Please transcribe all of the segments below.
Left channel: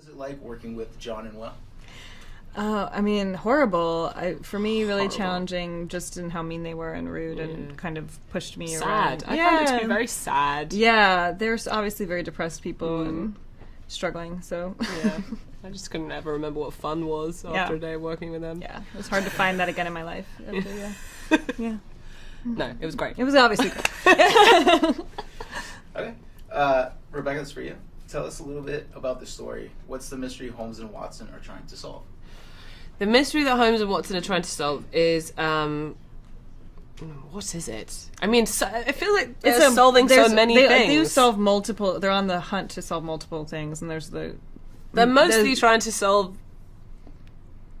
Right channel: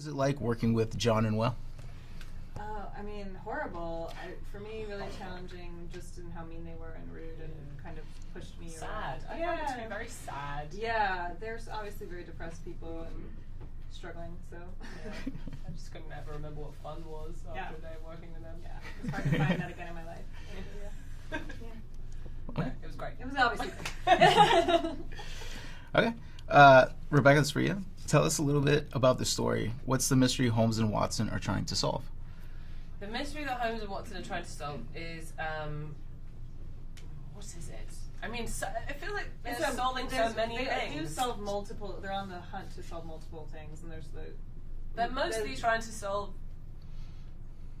was it like working with John and Will? I mean, horrible. For me, really challenging, just in how mean they were and rude, and kind of pushed me around. I found it to be very sad. Yeah, there's obviously very depressed people and struggling. So yeah, I just couldn't ever remember what fun was after a day of working with them. Yeah, it was hard to find that again in my life. Yeah. No, it was great. It was obviously great. Okay, Rebecca, it's for you. Tell us a little bit about the story. What's the mystery Holmes and Watson are trying to solve? The mystery that Holmes and Watson are trying to solve is, what is it? I mean, I feel like they're solving so many things. They do solve multiple. They're on the hunt to solve multiple things, and they're mostly trying to solve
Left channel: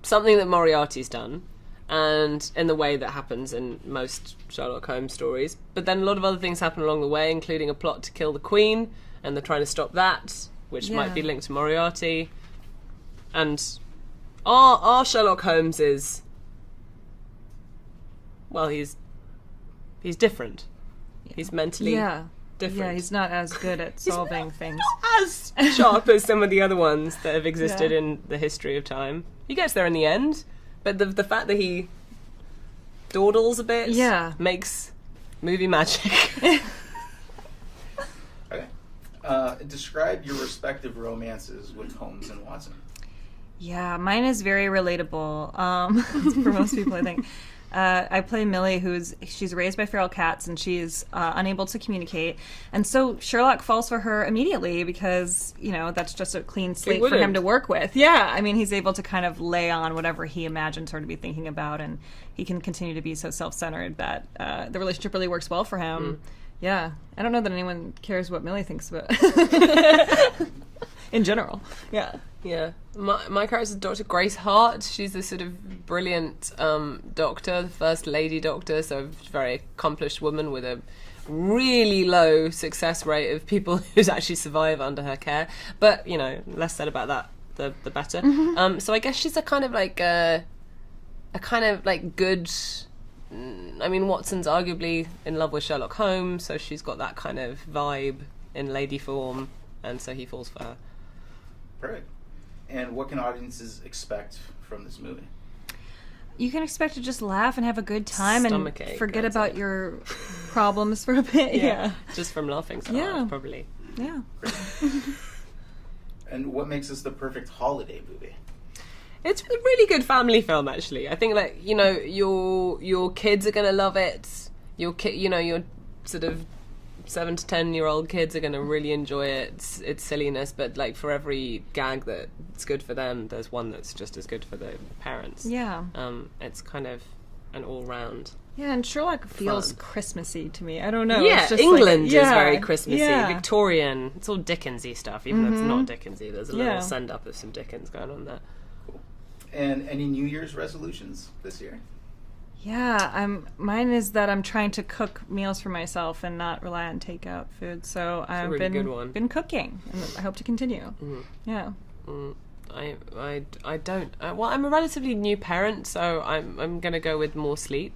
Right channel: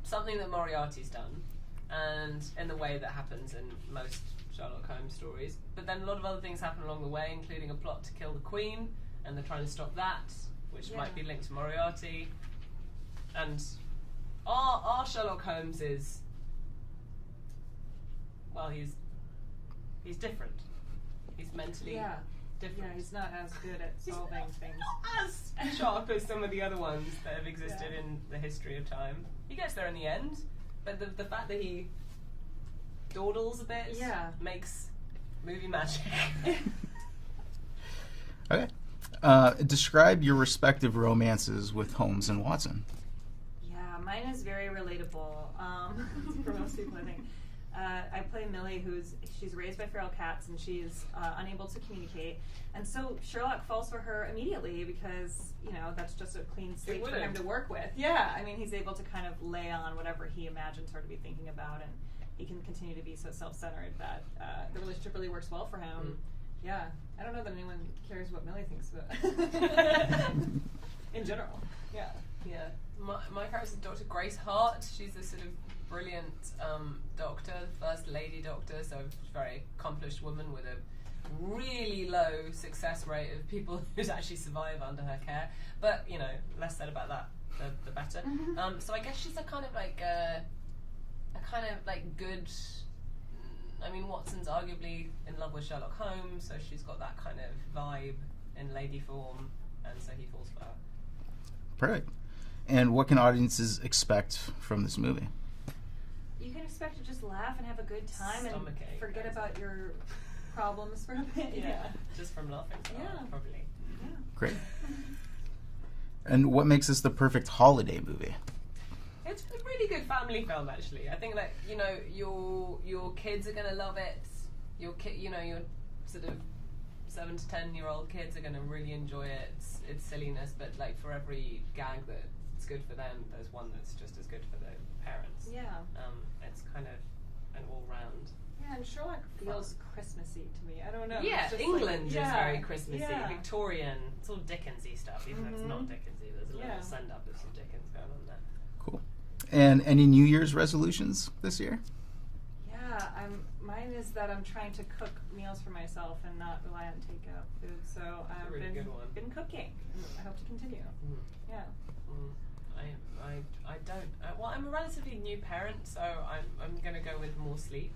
something that Moriarty's done, and in the way that happens in most Sherlock Holmes stories. But then a lot of other things happen along the way, including a plot to kill the Queen, and they're trying to stop that, which might be linked to Moriarty. And our Sherlock Holmes is, well, he's different. He's mentally different. Yeah, he's not as good at solving things. Not as sharp as some of the other ones that have existed in the history of time. He gets there in the end, but the fact that he dawdles a bit makes movie magic. Okay. Describe your respective romances with Holmes and Watson. Yeah, mine is very relatable for most people, I think. I play Millie, she's raised by feral cats, and she's unable to communicate. And so Sherlock falls for her immediately because, that's just a clean slate for him to work with. Yeah, I mean, he's able to kind of lay on whatever he imagines her to be thinking about, and he can continue to be so self-centered that the relationship really works well for him. Yeah, I don't know that anyone cares what Millie thinks about in general. Yeah. Yeah. My character is Dr. Grace Hart. She's this sort of brilliant doctor, the first lady doctor, so a very accomplished woman with a really low success rate of people who actually survive under her care. But, less said about that, the better. Mm-hmm. So I guess she's a kind of like good... I mean, Watson's arguably in love with Sherlock Holmes, so she's got that kind of vibe in lady form, and so he falls for her. Perfect. And what can audiences expect from this movie? You can expect to just laugh and have a good time and forget about your problems for a bit. Yeah. Just from laughing so hard, probably. Yeah. Great. And what makes this the perfect holiday movie? It's a really good family film, actually. I think, your kids are gonna love it. Your sort of 7 to 10-year-old kids are gonna really enjoy it. Its silliness, but for every gag that's good for them, there's one that's just as good for the parents. Yeah. It's kind of an all-round. Yeah, and Sherlock feels Christmassy to me. I don't know. Yeah, it's just England is very Christmassy. Yeah. Victorian. It's all Dickensy stuff, even though it's not Dickensy. There's a little send-up of some Dickens going on there. Cool. And any New Year's resolutions this year? Yeah, mine is that I'm trying to cook meals for myself and not rely on takeout food. So I've been cooking, and I hope to continue. Yeah. I don't. Well, I'm a relatively new parent, so I'm gonna go with more sleep.